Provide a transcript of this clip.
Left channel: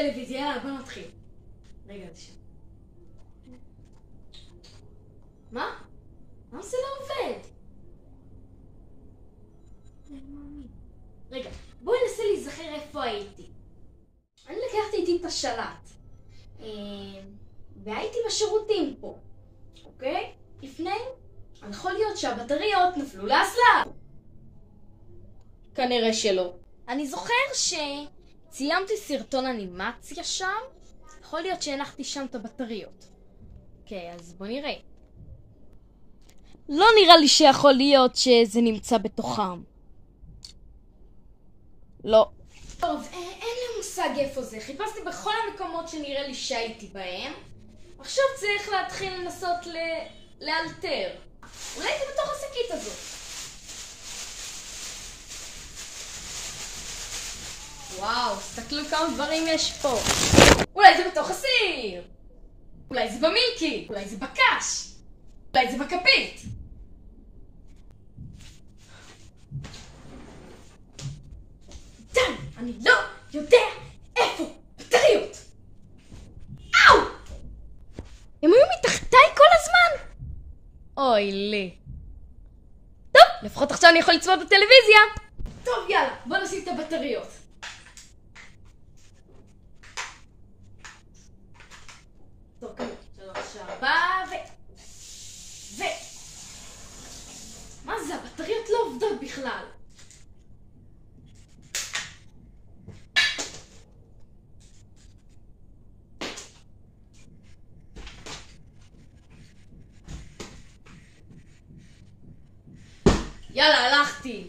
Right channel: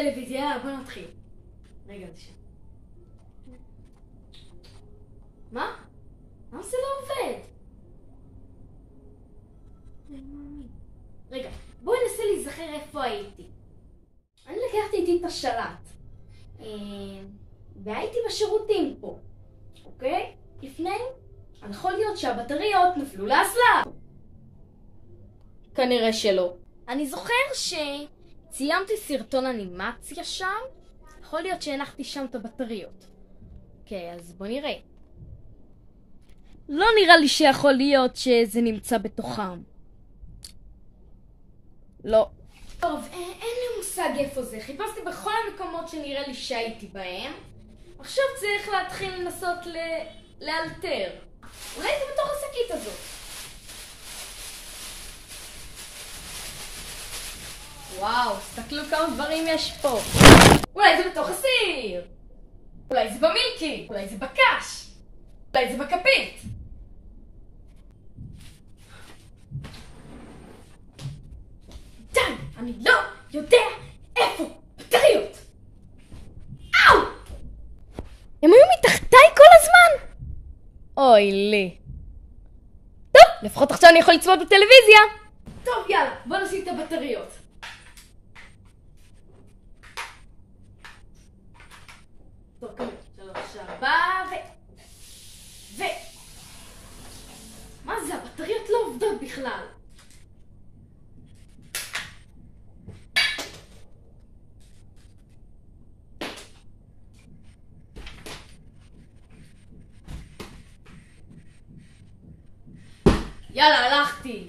טלוויזיה, יאללה, בוא נתחיל. רגע, זה שם. מה? למה זה לא עובד? רגע, בואי ננסה להיזכר איפה הייתי. אני לקחתי איתי את השלט. והייתי בשירותים פה. אוקיי? לפני, יכול להיות שהבטריות נפלו לאסלה. כנראה שלא. אני זוכר שציימתי סרטון אנימציה שם. יכול להיות שהנחתי שם את הבטריות. אוקיי, אז בוא נראה. לא נראה לי שיכול להיות שזה נמצא בתוכם. לא. טוב, אין לי מושג איפה זה. חיפשתי בכל המקומות שנראה לי שהייתי בהם. עכשיו צריך להתחיל לנסות לאלתר. אולי זה בתוך השקית הזאת. וואו, תסתכלו כמה דברים יש פה. אולי זה בתוך הסיר. אולי זה במילקי. אולי זה בקש. אולי זה בכפית. די, אני לא יודע איפה בטריות. אאו! הם היו מתחתיי כל הזמן? אוי לי. טוב, לפחות עכשיו אני יכול לצפות בטלוויזיה. טוב, יאללה, בוא נשים את הבטריות. טוב, כמה? 3, 4 מה זה? הבטריות לא עובדות בכלל. יאללה, הלכתי.